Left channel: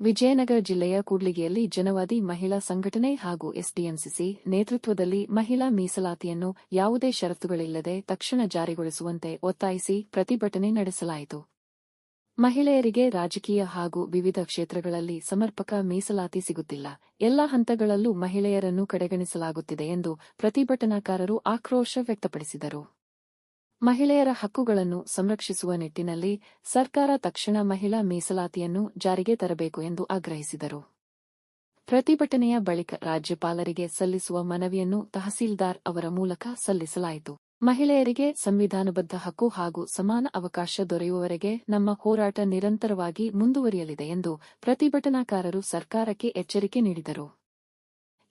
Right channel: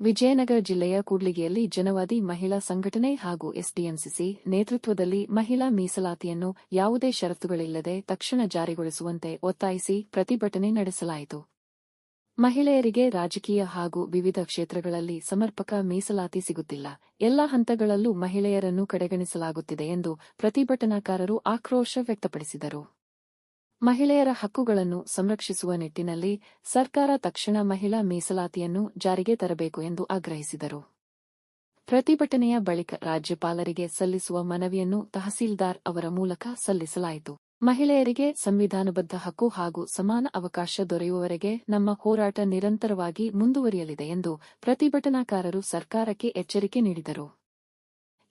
ವಿಜಯನಗರ ಜಿಲ್ಲೆಯ ಕೂಡ್ಲಿಗಿಯಲ್ಲಿ ಜನವಾದಿ ಮಹಿಳಾ ಸಂಘಟನೆ ಹಾಗೂ ಎಸ್ಡಿಎಂಸಿಸಿ ನೇತೃತ್ವದಲ್ಲಿ ಮಹಿಳಾ ಮೀಸಲಾತಿಯನ್ನು ಯಾವುದೇ ಷರತ್ತುಗಳಿಲ್ಲದೆ ತಕ್ಷಣ ಜಾರಿಗೊಳಿಸುವಂತೆ ಒತ್ತಾಯಿಸಿ ಪ್ರತಿಭಟನೆ ನಡೆಸಲಾಯಿತು. ಮಹಿಳೆಯರಿಗೆ ರಾಜಕೀಯ ಹಾಗೂ ವಿವಿಧ ಕ್ಷೇತ್ರಗಳಲ್ಲಿ ಸಮರ್ಪಕ ಮೀಸಲಾತಿ ಸಿಗುತ್ತಿಲ್ಲ, ಎಲ್ಲಾ ಹಂತಗಳಲ್ಲೂ ಮಹಿಳೆಯರನ್ನು ಕಡೆಗಣಿಸಲಾಗುತ್ತಿದೆ ಎಂದು ಪ್ರತಿಭಟನಾಕಾರರು ಆಕ್ರೋಶ ವ್ಯಕ್ತಪಡಿಸಿದರು. ಮಹಿಳೆಯರ ಹಕ್ಕುಗಳನ್ನು ಸಂರಕ್ಷಿಸುವ ನಿಟ್ಟಿನಲ್ಲಿ ಸರ್ಕಾರ ತಕ್ಷಣ ಮಹಿಳಾ ಮೀಸಲಾತಿಯನ್ನು ಜಾರಿಗೆ ತರಬೇಕು ಎಂದು ಆಗ್ರಹಿಸಿದರು. ಪ್ರತಿಭಟನೆಯ ಬಳಿಕ ರಾಜ್ಯಪಾಲರಿಗೆ ಸಲ್ಲಿಸುವ ಮನವಿಯನ್ನು ತಹಸೀಲ್ದಾರ್ ಅವರ ಮೂಲಕ ಸಲ್ಲಿಸಲಾಯಿತು. ಮಹಿಳೆಯರಿಗೆ ಸಂವಿಧಾನಬದ್ಧ ಹಕ್ಕು ಹಾಗೂ ಸಮಾನ ಅವಕಾಶ ದೊರೆಯುವವರೆಗೆ ನಮ್ಮ ಹೋರಾಟ ನಿರಂತರವಾಗಿ ಮುಂದುವರಿಯಲಿದೆ ಎಂದು ಪ್ರತಿಭಟನಾಕಾರರು ಸರ್ಕಾರಕ್ಕೆ ಎಚ್ಚರಿಕೆ ನೀಡಿದರು.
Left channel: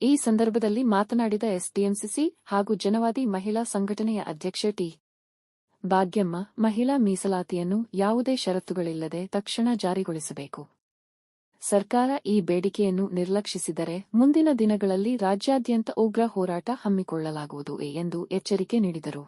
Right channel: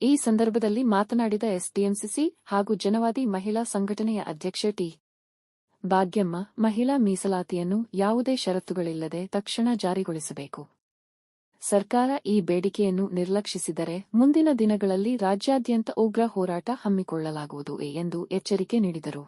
ಈ ಸಂದರ್ಭದಲ್ಲಿ ಮಾತನಾಡಿದ ಎಸ್ಡಿಎಂಸಿಸಿ ಹಾಗೂ ಜನವಾದಿ ಮಹಿಳಾ ಸಂಘಟನೆಯ ಅಧ್ಯಕ್ಷೆ ಟಿ. ಭಾಗ್ಯಮ್ಮ, ಮಹಿಳಾ ಮೀಸಲಾತಿಯನ್ನು ಯಾವುದೇ ಷರತ್ತುಗಳಿಲ್ಲದೆ ತಕ್ಷಣ ಜಾರಿಗೊಳಿಸಬೇಕು. ಸರ್ಕಾರ ಈ ಬೇಡಿಕೆಯನ್ನು ನಿರ್ಲಕ್ಷಿಸಿದರೆ ಮುಂದಿನ ದಿನಗಳಲ್ಲಿ ರಾಜ್ಯಾದ್ಯಂತ ಉಗ್ರ ಹೋರಾಟ ಹಮ್ಮಿಕೊಳ್ಳಲಾಗುವುದು ಎಂದು ಎಚ್ಚರಿಕೆ ನೀಡಿದರು.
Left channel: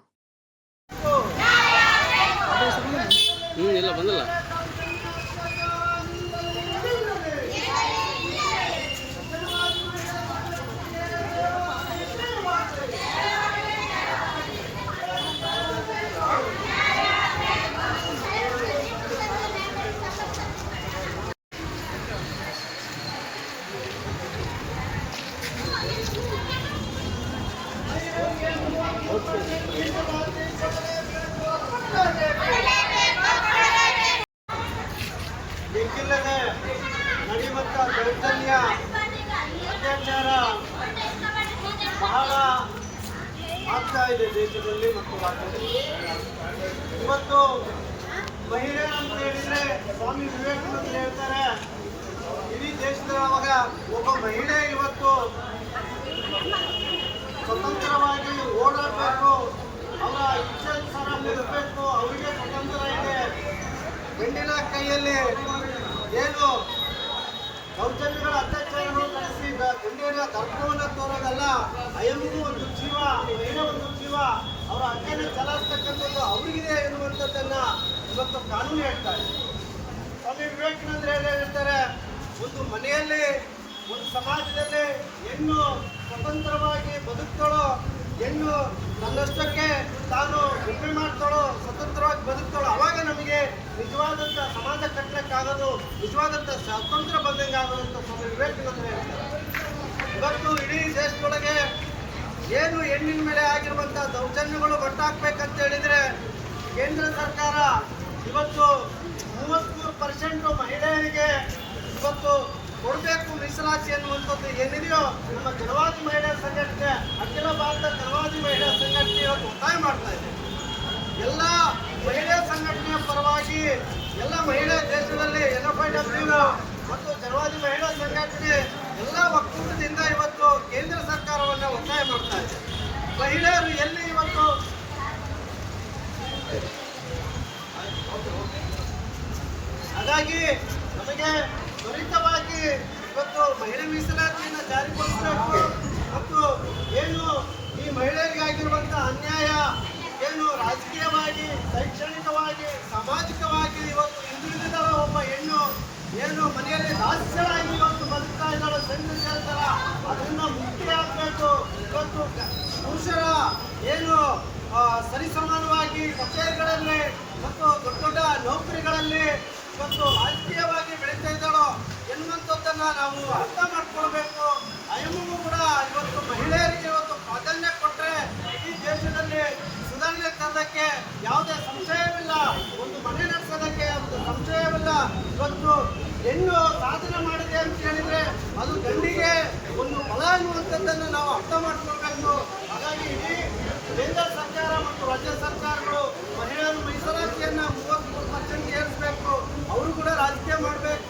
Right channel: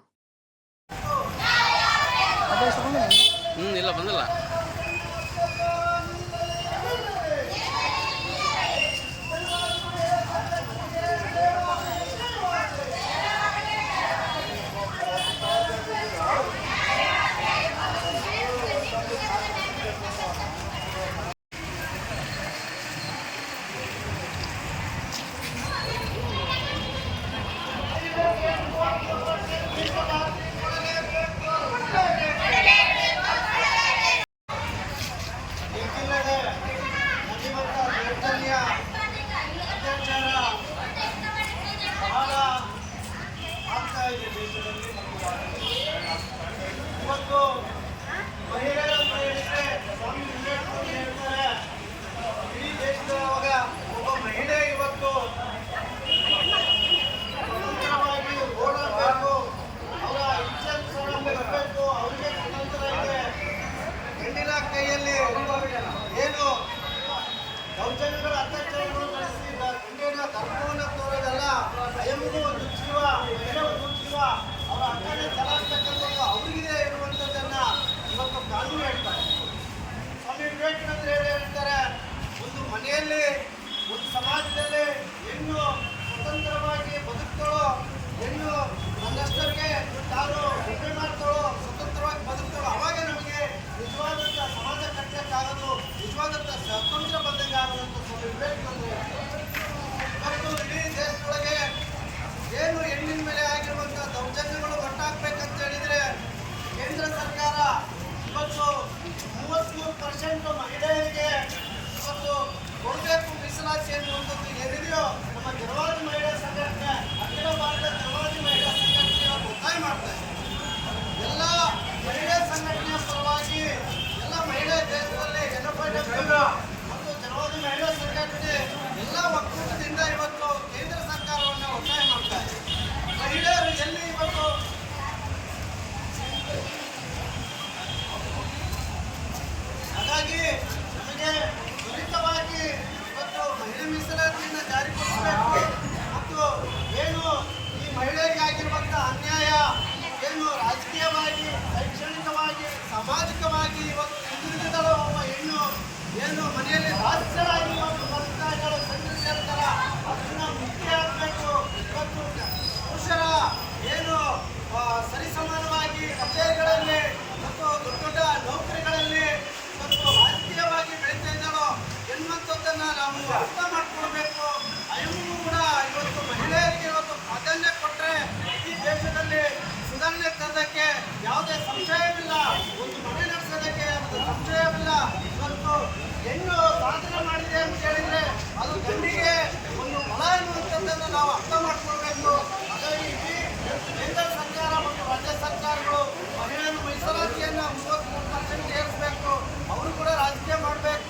ಬಹಳ ಆಗ್ತಾ ಇದೆ ದೇಶದಲ್ಲಿ ಮತ್ತು ರಾಜ್ಯದಲ್ಲಿ. ಇವತ್ತು ಮಹಿಳೆಯರು ಅಂತ ಹೇಳಿದ್ರೆ ಸ್ವಾಮಿ ವಿವೇಕಾನಂದ ಹೇಳ್ತಾರೆ, ಇಡೀ ದೇಶದೊಳಗ ಒಬ್ಬ ಮಹಿಳೆ ಇವತ್ತು ಸ್ವತಂತ್ರವಾಗಿ ಓಡಾಡಬೇಕು, ಅವರ ಇಚ್ಛಾನುಸಾರ ಇರಬೇಕು, ಅವರಿಗೆ ಸ್ವತಂತ್ರ ಇದೆ. ಹೆಣ್ಣಿನ ಕೈಯಲ್ಲಿ ಏನು ದೌರ್ಜನ್ಯಗಳ ಅತ್ಯಾಚಾರಗಳು ನಡೆಸಿ ಹೆಣ್ಣಿನ ಗರ್ಭವನ್ನು ತೋರೋದಲ್ಲ, ಅಯಮಗೂ ಒಂದು ಜೀವ, ಮಹಿಳೆ ಒಂದು ಜೀವ, ಅವರ ಹಕ್ಕನ್ನು ಚಲಾಯಿಸ್ತಕ್ಕಂಥದ್ದು ಅವರಿಗಿದೆ ಎನ್ನುವಂಥದ್ದನ್ನ ಇವತ್ತು ಕಾನೂನು ಹೇಳ್ತಾರೆ. ಸ್ವಾಮಿ ವಿವೇಕಾನಂದ ಹೇಳ್ತಾರೆ, ಒಂದು ಮನೆಯಲ್ಲಿ ಒಂದು ಸಮಾಜದಲ್ಲಿ ಹೆಣ್ಣು ಸ್ವತಂತ್ರವಾಗಿ ಬದುಕ್ತಾಳೋ, ಹೆಣ್ಣು ತನ್ನಷ್ಟಕ್ಕೆ ತಾನು ಒಬ್ಬೆ ಮಾಡ್ತಾಳೋ, ಸ್ವತಂತ್ರವಾಗಿ ಬದುಕ್ತಾಳೋ, ಅವಾಗ ನಮಗೆ ನಿಜವಾದಂಥ ಸಮಾಜ ಕಟ್ಟಲಿಕ್ಕಾಗೋದು, ನಿಜವಾದಂಥ ಸ್ವಾತಂತ್ರ್ಯ ಬಂದಂಗೆ ಆಗೋದಂತ ಸ್ವಾಮಿ ವಿವೇಕಾನಂದ ಹೇಳ್ತಾರೆ. ಇವತ್ತು ಇಡೀ ದೇಶದೊಳಗೆ ಏನು ಹೆಣ್ಣಿನ ಮೇಲೆ ಆಗಿರುವಂಥ ದೌರ್ಜನ್ಯಗಳು ಒಟ್ಟಾಗಬೇಕಂತ ಹೇಳಿದರೆ ಕೇಂದ್ರ ಸರ್ಕಾರ ಇವತ್ತು 33% ಮಹಿಳೆಯರಿಗೆ ಇವತ್ತು ಕೊಡಬೇಕು ಮೀಸಲಾತಿ ಅನ್ನುವಂಥದ್ದು ಏನಿದೆಯೋ ನಮ್ಮ ಜನವಾದಿ ಮಹಿಳಾ ಸಂಘಟನೆ, ಅಖಿಲ ಭಾರತ ಜನವಾದಿ ಮಹಿಳಾ ಸಂಘಟನೆ ಇವತ್ತು ಒತ್ತಾಯ ಮಾಡ್ತಾ ಇದೆ. ಎಲ್ಲ ಮಹಿಳಾ ಸಂಘಟನೆಯ ಪರವಾಗಿ ಎಲ್ಲ ಮಹಿಳಾ ದೇಶದಲ್ಲಿ NFIW ಮತ್ತು ಜನವಾದಿ ಮಹಿಳಾ ಸಂಘಟನೆ ಎಲ್ಲ ಒಕ್ಕೂಟದಿಂದ ಇವತ್ತು ಕೇಂದ್ರ ಸರ್ಕಾರವನ್ನು ಒತ್ತಾಯ ಮಾಡ್ತಾ ಇದೆ. ಮಹಿಳೆಯರು ಎಲ್ಲಿ ಇವತ್ತು ಹಾಗಾಗಿ ನಮಗೆ ತ್ವರಿತವಾಗಿ ಇವತ್ತು ಮಹಿಳಾ ಮೀಸಲಾತಿಯನ್ನು ಜಾರಿಗೊಳಿಸಬೇಕು ಮತ್ತು ಏನು ಈ ಮಹಿಳೆಯರಿಗೆ ಆಗಿರುವಂಥ ಅನ್ಯಾಯ ಏನು ರಾಜಕೀಯವಾಗಿ, ಶೈಕ್ಷಣಿಕವಾಗಿ, ಸಾಮಾಜಿಕವಾಗಿ ಇವತ್ತು ಹಿಂದುಳಿದಿದ್ದಳು ಒಬ್ಬ ಹೆಣ್ಣು ಏನು ಮನೆಯಲ್ಲಿ ದಾಸ್ಯರಾಗಿ ಇವತ್ತು ಬದುಕ್ತಾ ಇದ್ದಾಳು, ಗಂಡು ಸೇರ್ತಾರ, ಅದನ್ನ ಮುಕ್ತಿ ಆಗಬೇಕು. ಇವತ್ತು ಪುರುಷರ ಏನು ಸರಿಸಮಾನವಾಗಿ ಕಚೇರಿಗಳಲ್ಲಿ ಮತ್ತು ದೊಡ್ಡ ದೊಡ್ಡ ನೌಕರಿಗಳಲ್ಲಿ ಇವತ್ತು ರಾಜಕೀಯವಾಗಿ ಬೆಳೀತಾ ಇದ್ದಾಳೋ ಎನ್ನುವಂಥದ್ದನ್ನು ನಾವು ಅರ್ಥ ಮಾಡ್ಕೊಳ್ಬೇಕು. ಅಯ್ಯಮ್ಮೂ ಕೂಡ ಇವತ್ತು ಮಹಿಳೆಯರಿಗೆ ಇವತ್ತು ಪ್ರಾಧಾನ್ಯ ಕೊಟ್ಟರೆ ಈ ದೇಶದಲ್ಲಿ ಸುಧಾರಣೆ ತರೋದಕ್ಕೆ ಯಾವುದೇ ಸಂಶಯವಿಲ್ಲ, ಒಂದು ಮನೆ ನಡೆಸೋದಕ್ಕೆ ಸಂಶಯವಿಲ್ಲ. ಇವತ್ತು ಹೆಣ್ಣು ಸಾಧನೆ ಮಾಡಿದೆ ಅಂತ ಹೇಳಿದರೆ ಅದು ಗಂಡಿಗೆ ಒಂದು ಬಲ ಎನ್ನುವಂಥದ್ದನ್ನು ನಾವು ಅರ್ಥ ಮಾಡ್ಕೊಳ್ಬೇಕು. ಹಾಗಾಗಿ ಇಡೀ ಕೇಂದ್ರ ಸರ್ಕಾರ ಮತ್ತು ರಾಜ್ಯ ಸರ್ಕಾರಗಳು ಮಹಿಳೆಯರ ಮೀಸಲಾತಿಯನ್ನು 33% ಏರಿಸಬೇಕು, ಅವರು ಕೂಡ ರಾಜಕೀಯ ಮಾಡಬೇಕು.